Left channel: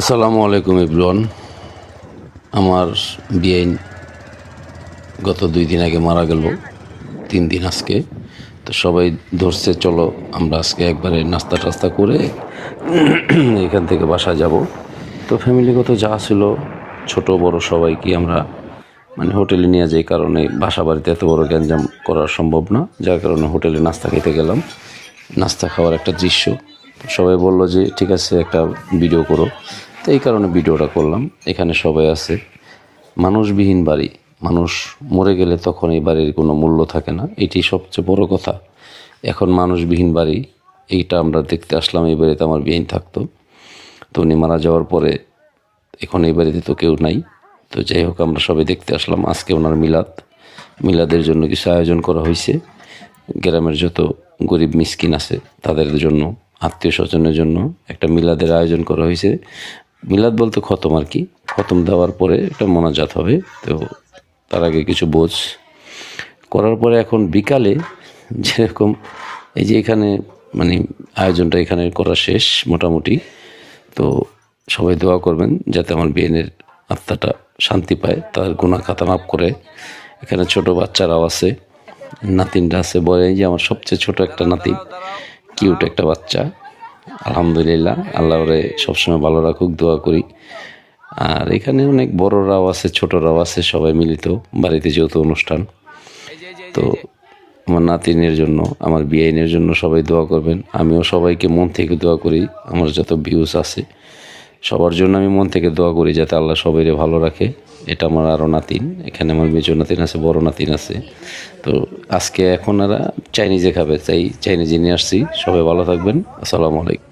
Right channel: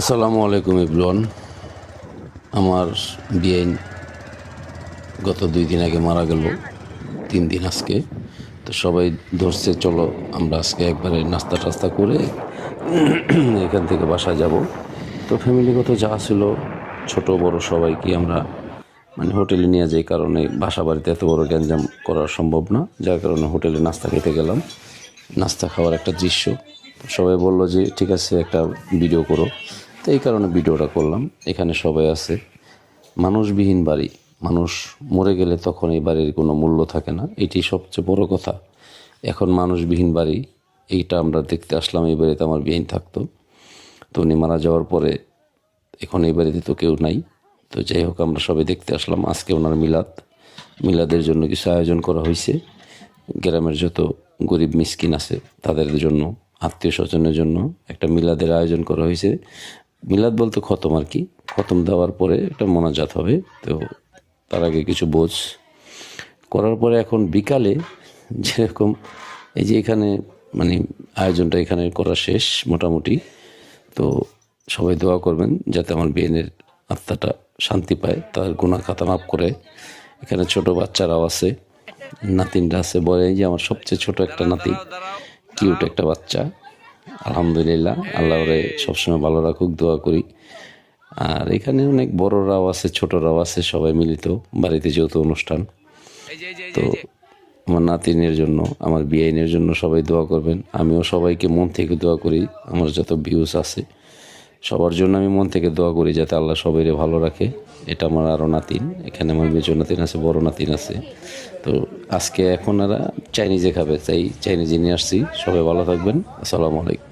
আসসালামু আলাইকুম ইবলন। আমার বিয়ে গত 2 দিন আগে মারা গেল, 3 দিন আজকে। তো সবাই ধরছে চলো আমরা আজকে একবারে নাস্তা টাস্তা করে এখান থেকে বাসা যাব। তো ফ্যামিলিগত যা ছিল ছোট বড় সবাইকে আমরা হোটেলে নিয়ে যাই, কারণে বাসা বাড়িতে এত বড় গ্যাঞ্জাম করা সম্ভব না, যার কারণে হোটেলে নাস্তা খেতে গেলাম। নাস্তা খাওয়ার একটা দৃশ্য, সবাই বলল যে ঠিক আছে একটা ভিডিও করো, তো এই কারণে ভিডিওটা করলাম। এখানে সবাই আছে, মানুষবিহীন বাড়ি, মানুষ মরে গেলে তখন এই বাড়ির কোনো মূল্য থাকে না, এটি সবচেয়ে বড় কথা। এখন মানুষবিহীন বাড়ি, এইটা আমরা দেখতে আসলাম। এই বাড়িতে আমার বিহীন থাকতো, তো উনি মারা যাওয়ার পরে এখন এই বাড়িতে তো কেউ নাই। তো যাই হোক, আমরা সবাই দেখতে আসলাম। আজকে ওনার মিলাদের জন্য কিছু আয়োজন করা হয়েছে। গ্রামের যত গরিব মিসকিন আছে তাদের জন্য, আত্মীয় স্বজনের জন্য একটা মিলাদের আয়োজন করা হয়েছে। মিলাদ বলতে খতম আর কি, খতম দেওয়ার পরে একটা মোনাজাত হবে। তো তার আগে কিছু বোঝ করার পরে এখন বিকালে যেরকম এই যে এখানে আয়োজনটা এখানে করা শেষ মোটামুটি। তো সবাই দোয়া করবেন যাতে আমার বিয়েনের আত্মাটা শান্তি পায়, তার গুনাহ খাতা মাফ করে। এখানে ছোট বাচ্চারাও আছে, নাতিনরা আছে। বলে যে আমার সবচেয়ে ছোট একটা নাতি, কিউট একটা বাচ্চা। আলহামদুলিল্লাহ, আল্লাহ ওরে সবসময় ভালো রাখুক, দোয়া করি। আর এখানে অনেক বড়রাও আছে, ছোটরাও আছে, সবাই মিলিত বাড়িতে যেহেতু অনুষ্ঠান। তো আমার নাতিনের জন্য, আমার বিয়াইনের জন্য সবাই দোয়া করবেন। আমিও সবাইকে মন থেকে দোয়া করি, আমার যত ভিউজ আছে সবার জন্য আমি মন থেকে দোয়া করি যাতে আল্লাহ সবাইকে ভালো রাখে। এটা আমার আরও নাতিন, এখানে আমার মেজো নাতিন আছে, বড় নাতিন আছে। তো আজকে এখন চাইনিজে খাবে, চাইনিজে নিয়ে আসছি। সবাই ভালো থাকবেন। আসসালামু আলাইকুম।